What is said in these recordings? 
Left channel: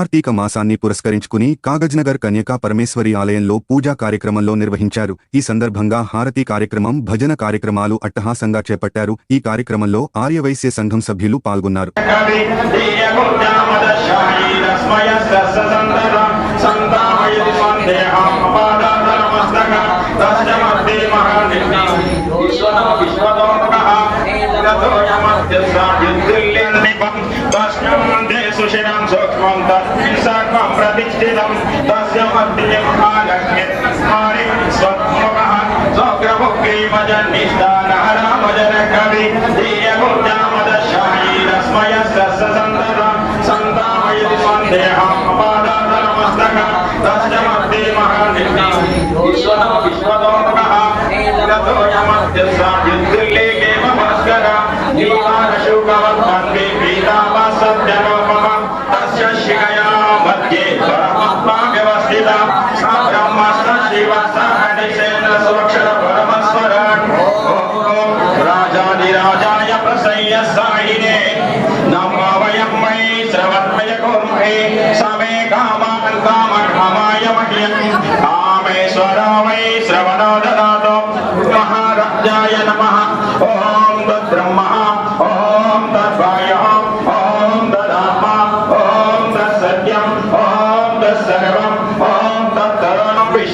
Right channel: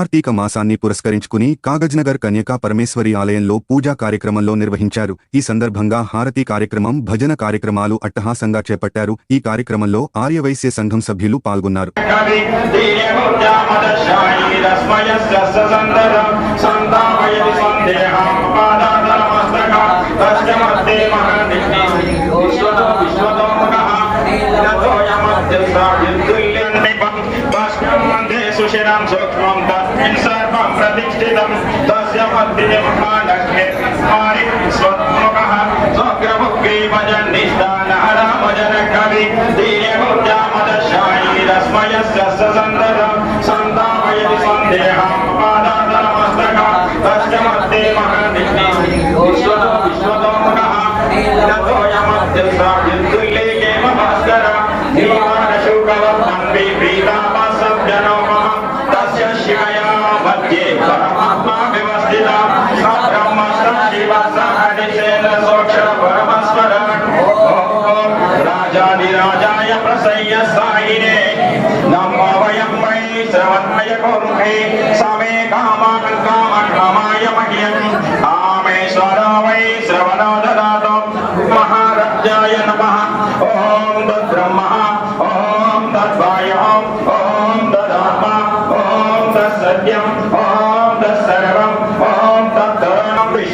కార్తీక మాసాన్ని పురస్కరించుకుని కాగజ్నగర్ కన్యకా పరమేశ్వరి ఆలయంలో పూజా కార్యక్రమంలో నిర్వహించారు. ఈ సందర్భంగా హారతి కార్యక్రమం భజన కార్యక్రమాలు అట్టహాసంగా చేపట్టారు. ఈ కార్యక్రమంలో ఆర్యవైశ్య సంఘం సభ్యులు పాల్గొన్నారు. సంతామయతి సందేహం. सुषिरं सूक्ष्मं तत्सर्वप्रतिष्ठितं तस्य पत्न्यमहानग्रे स्मारि स्वत्मकः स्वग्रमुग्रीभजन्निष्ठानः रामजन कवि धीर्यगुर्जामदशायी रस्मय सस्य सन्ततं, सन्तापयति सन्देहम् अपादात नमस्तकः तस्य मध्ये महानिष्ठं। विश्वतो विश्वतोमुखः रथो यमद्युल्ले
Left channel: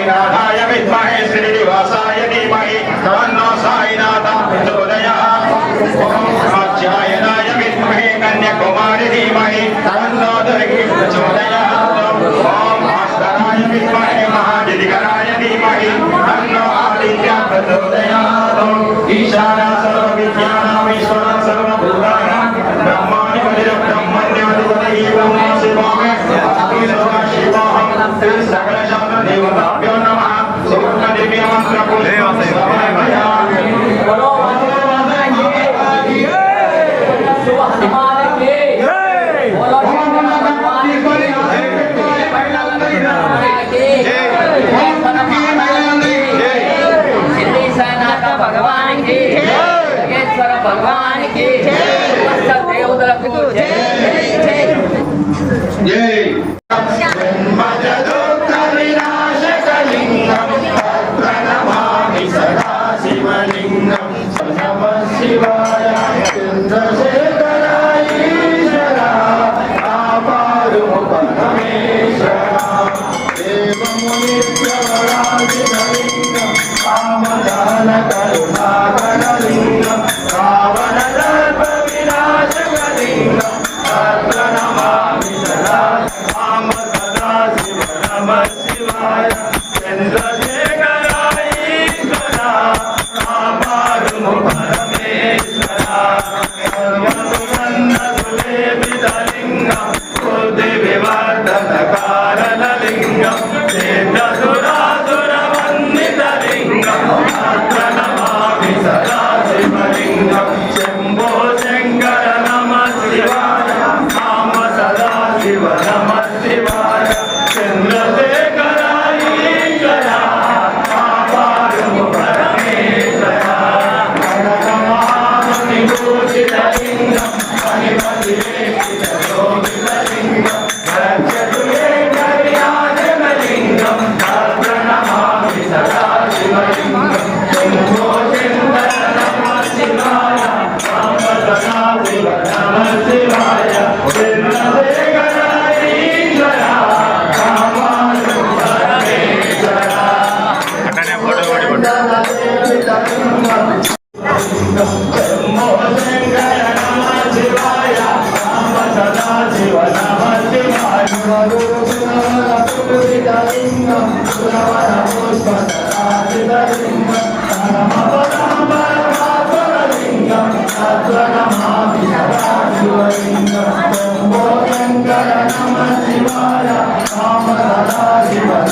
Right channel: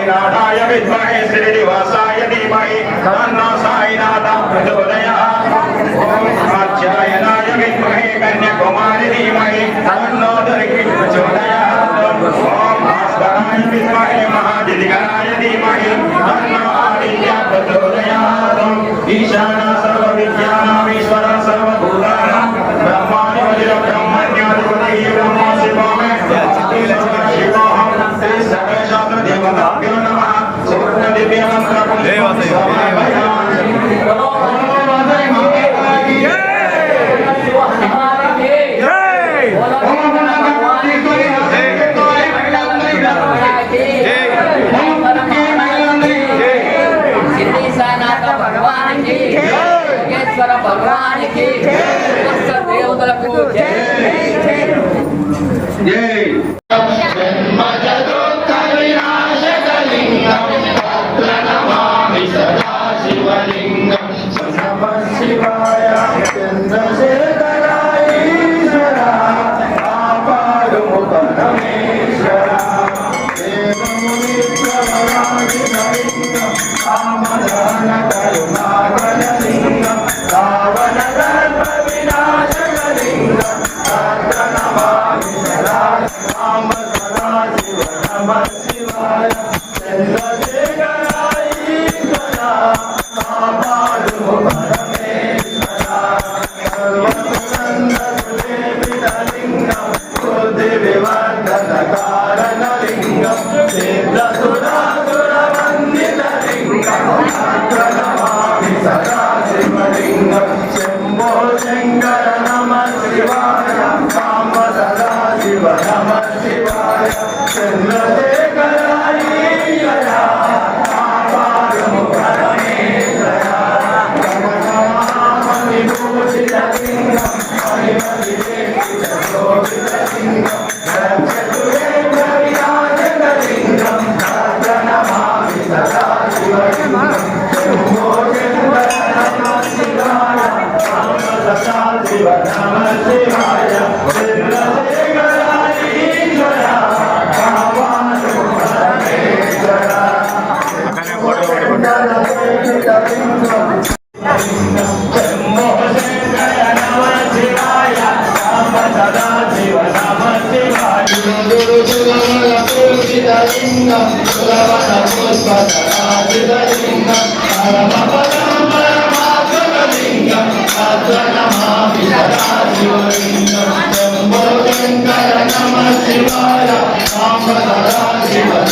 साई नाथाय विद्महे श्रीनिवासाय धीमहि। तन्नो साईनाथः प्रचोदयात् ॐ कात्यायनाय विद्महे कन्याकुमारी धीमहि। तन्नो दुर्गे प्रचोदयात्। జై జై జై. my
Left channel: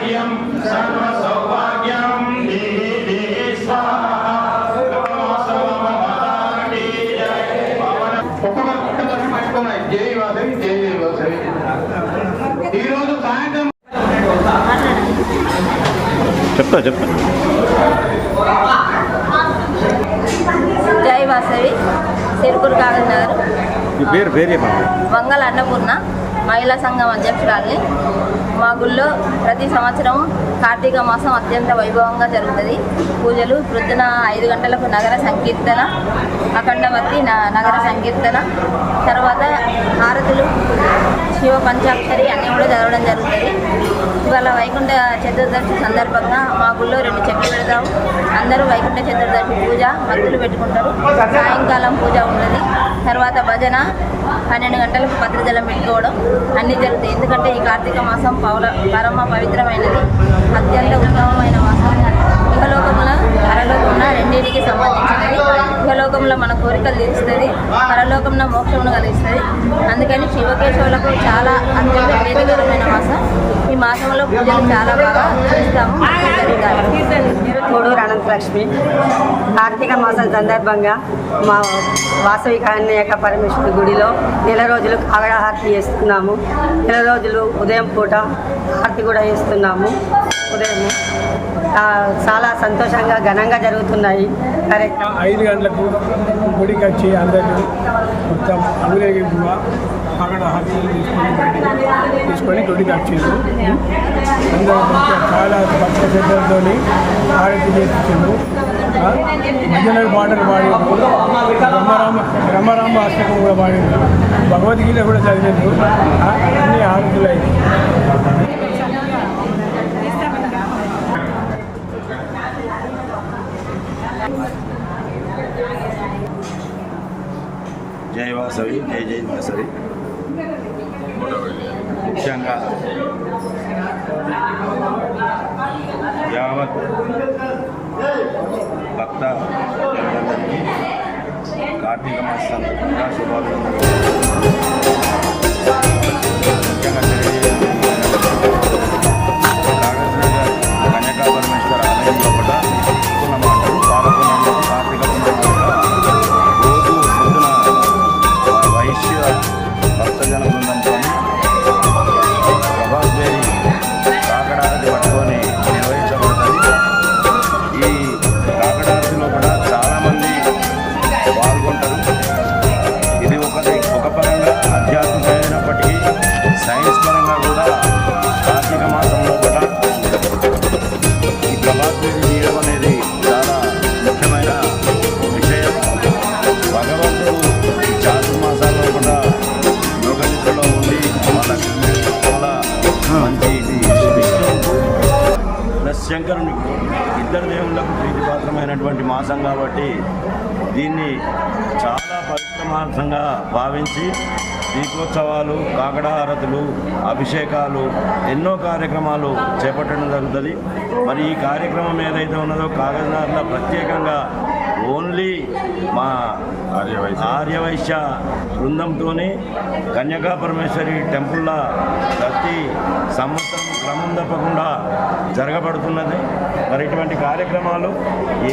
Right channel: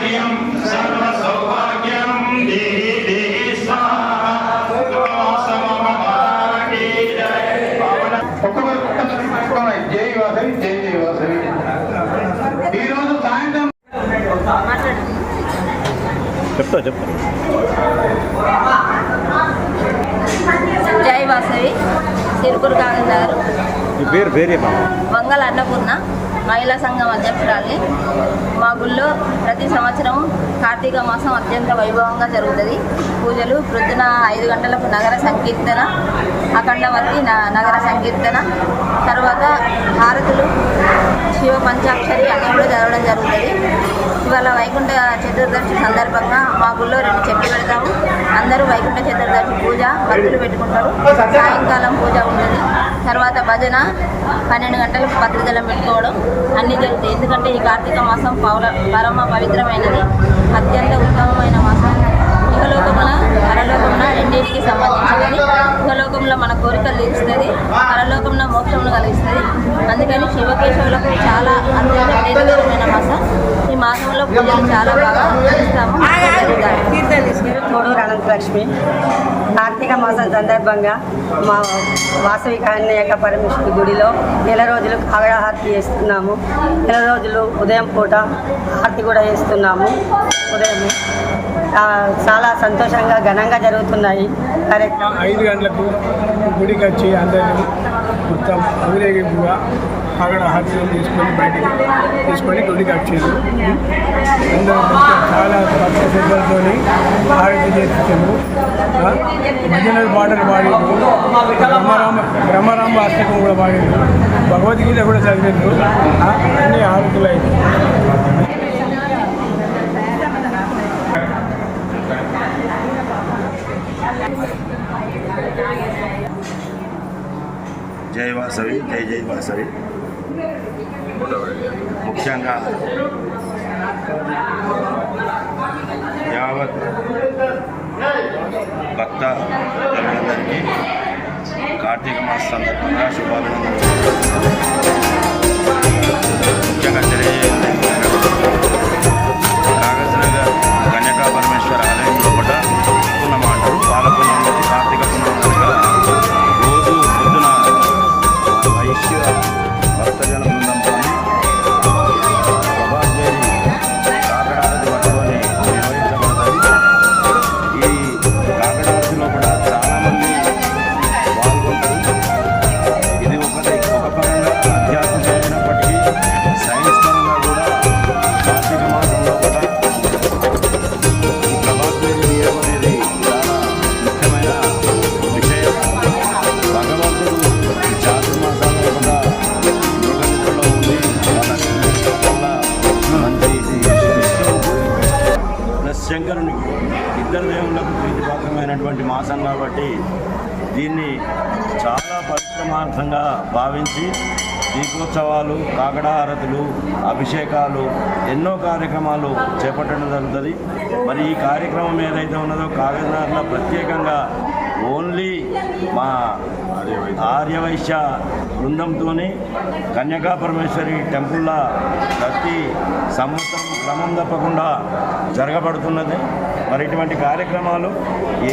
శ్రియం సర్వ సౌభాగ్యం దేహి దేహి స్వాహా. నమోస్తమమహారాణి జయ. పవన ఒక్కొక్కరు ఒక్కసారి పట్టుకోవాలి జై వాసవి జై జై వాసవి. ఈరోజు సాయంత్రం చెప్తా చెప్తా. జై వాసవి సిరుకూరు కాగజ్ నగర్ ఈ పేరు పేరు చెప్పండి వంగల అన్నపూర్ణ. మహిళా సంఘం అధ్యక్షురాల్ని. మా గుళ్ళో ప్రతి సంవత్సరం కార్తీక మాసం అత్యంత వైభవంగా జరుగుతుంది. పూజలు ప్రొద్దున ఐదు గంటలకు నగర సంకీర్తన అఖండవర్తి న- నగర సంకీర్తన తర్వాత హారతులు శివ పంచాక్షరి అన్నీ కూడా చదవడం జరుగుతుంది. ఇవాళ వైకుంఠ చతుర్దశి సందర్భంగా మా గుళ్ళో రెండు చెట్లు పెడతాము. అందరూ వైకుంఠ చతుర్దశి పూజ మద్దులు పెట్టుకుంటారు. సాయంకాలం పూజ ఉంటుంది. తర్వాత భజన పన్నెండు గంటలకు భద్రజలం పెట్టుకోవడం అన్నీ జరుగుతాయి. ఎందుకంటే ఈ కార్తీక మాసం పౌర పరమ పవిత్రమైనది. అత్యంత ఉత్తమమైన మాసం. ఇహలోకమున పరలోకమున రెండింటికి సంబంధించి ఇహలోకంలో మన కోరికలు తీరుస్తుంది పరలోకంలో మోక్షమును కలిగిస్తుంది. అందుకని శివకేశవులకు చాలా అత్యంత ప్రీతికరమైన మాసం. ఈ మాసంలో పూజలు చాలా బాగా చేస్తాము. కోడూరు అనంతలక్ష్మి. కార్తీక మాసం సందర్భంగా మా వాసవి కన్యక పరమేశ్వరి గుడిలో నెల రోజులు కాగడ చేస్తున్నాము. నెల రోజులు ఉదయం పూట హారతి కూడా చేస్తున్నాము. ఉదయం చాలా సంతోషంగా ఘనంగా జరుగుతున్నాయి కార్యక్రమం. ఐదు గంటలకు గుడికి వచ్చి అందరూ మొత్తం ఊరేగింపుగా అక్కడ హాస్పిటల్ తీసుకొని బయటికి తీసుకొని గుడికి వచ్చారు. అందరూ మంచిగా చాలా భక్త శ్రద్ధలతో ఆరతి చేసిండు భజనలు పాటలు పాడారు బ్రహ్మరామ బ్రహ్మరామ అష్టకం కూడా పాడారు భగవద్గీత కూడా చదివారు అన్నీ అన్ని ఆరతులైంది జై వాసవి జై జై వాసవి. ముఖ్యంగా యావత్ భక్త జనులందరికీ కార్తీక మాస సందర్భంగా శుభాభినందనలు. ముఖ్యంగా తెలియజేయండి కాగజ్ నగర్ కన్యకా పరమేశ్వర ఆలయం లోపల శంకరుని ఇద్దరు దేవుళ్ళకు ప్రీతిపాత్రమైనటువంటి మాసం కాబట్టి దీన్ని చాలా పరిశ్రమార్థంగా భావించి దీపోత్సవాలు కాకడాహారతులు అభిషేకాలు ఎన్నో కార్యక్రమాలు చేపట్టడం జరుగుతుంది. మరి ఈ కార్యక్రమం ఏదైతే ఉన్నదో కాగజ్నగర్లో ప్రత్యేకంగా ఓన్లీ మా ఆర్యవైశ్య బృందంతోనే కన్యకా పరమేశ్వరి టెంపుల్లా ప్రతి సంవత్సరం క్రమం తప్పకుండా జరగబడుతున్నది. మరి ఇటువంటి కార్యక్రమాలు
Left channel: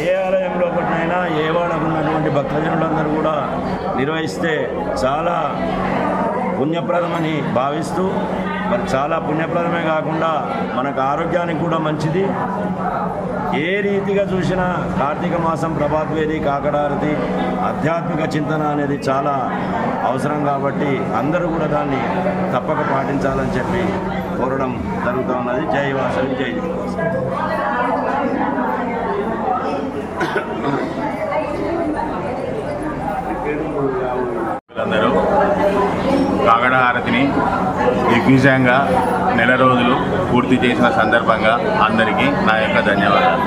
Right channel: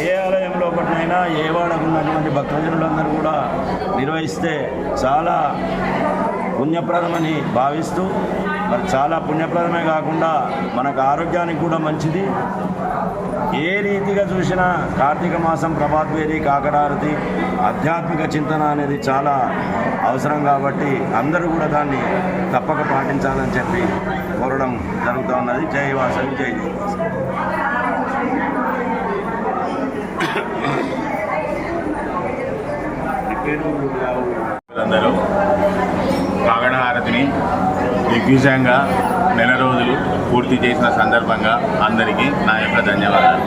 ఏ ఆలయంలో పట్టినైనా ఏ వాడకు ఉన్నటువంటి భక్తజనులందరూ కూడా నిర్వహిస్తే చాలా పుణ్యప్రదమని భావిస్తూ మరి చాలా పుణ్యప్రదమే కాకుండా మనకు ఆరోగ్యానికి కూడా మంచిది. ఏ రీతిగా చూసినా కార్తీక మాసం ప్రభాద్వేరి కాకడారతి ఆధ్యాత్మిక చింతన అనేది చాలా అవసరం కాబట్టి అందరూ కూడా దాన్ని తప్పక పాటించాలని చెప్పి కోరడం జరుగుతూ ఉన్నది. జై వాసవి జై. అందరూ హారతిని దిగ్విజయంగా నెల రోజులు పూర్తి చేసిన సందర్భంగా అందరికీ నా యొక్క ధన్యవాదాలు.